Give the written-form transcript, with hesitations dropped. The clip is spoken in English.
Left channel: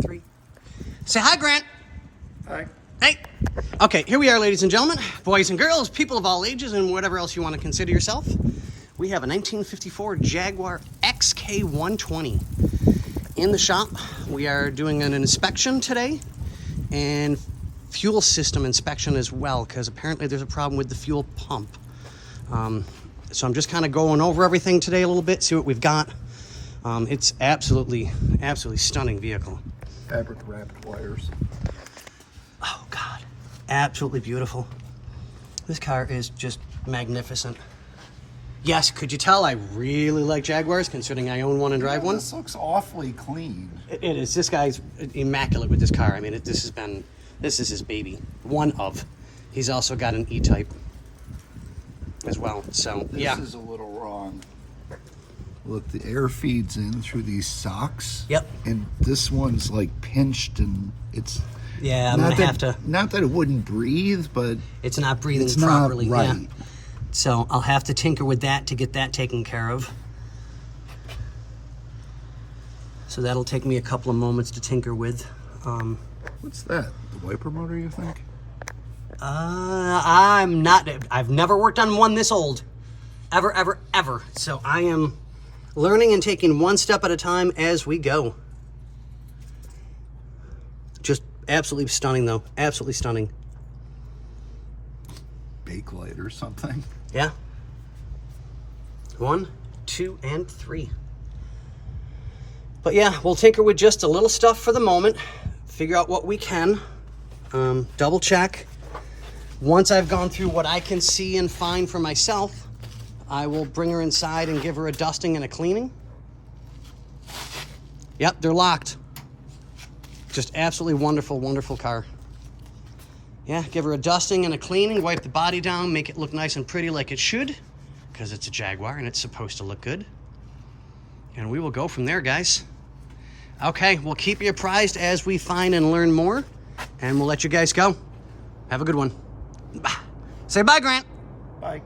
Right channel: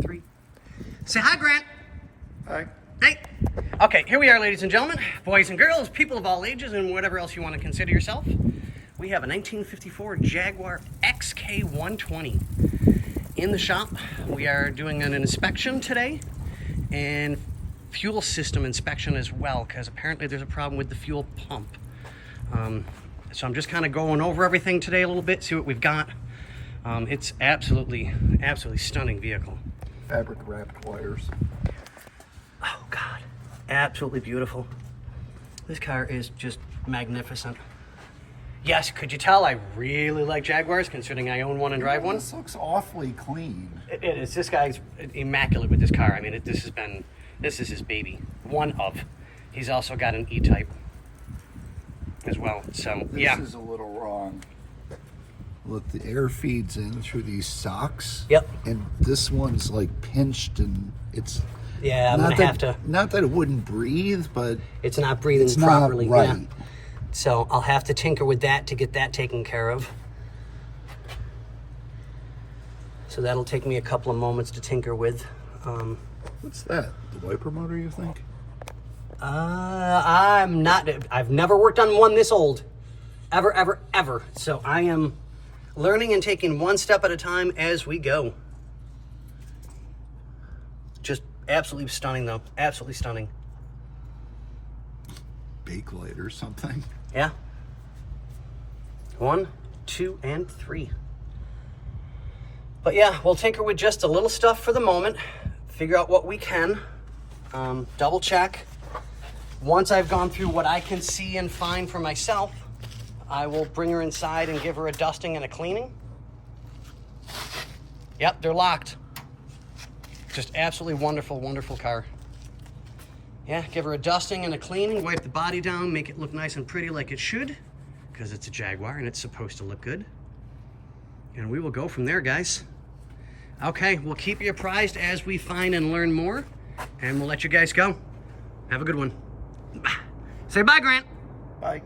3. Say hi, Grant. Hi. Hey. Okay, here we are, ladies and gentlemen, boys and girls, people of all ages, and whatever else you want to consider yourself. We have a 1954 Jaguar XK120 in the shop. We are doing an inspection today and fuel system inspection as well, because apparently there's a problem with the fuel pump. So I'm just kind of going over everything today a little bit, see what we've got. It's absolutely stunning vehicle. Fabric wrapped wires. Oh God, absolutely beautiful. This car is just magnificent. Yes, could you tell I really like Jaguars, considering I own one and drive one? This looks awfully clean. It is. This guy's immaculate with this car. I mean, this is his baby. One of. He's also got an E-Type as well. So yeah. This is a little wrong. Look, the air feeds in through these socks. Yep. And this one's like pinched, and it's Yeah, I'm gonna have to. Not that it wouldn't breathe, but It's not breathing it's properly. not right. Yeah. So I'll have to tinker with that to get that taken care of. So that'll take me a couple of moments to tinker with. What's that? The wiper motor, you think? I've never worked on one this old. Ever. So I am learning and taking one step at a time as we go. Just absolutely stunning though. Absolutely stunning. Bakelite or something. Yeah. 1, 2, and 3. But yeah, we'll tinker with just a little stuff for the moment. Figure out what we can. Double check. Once I've gone through what I can see and find for myself, I will bring her inside and give her a dusting and a cleaning. Yep, they're locked. Just absolutely wonderful, wonderful car. Yeah, give her a dusting and a cleaning, wipe the body down, make it look nice and pretty like it should, because it's a Jaguar and it's supposed to look good. And we will go from there, guys. Okay, we'll keep you apprised as we find and learn more, and we'll let you guys go. Have a good one. Bye. Say bye, Grant. Bye.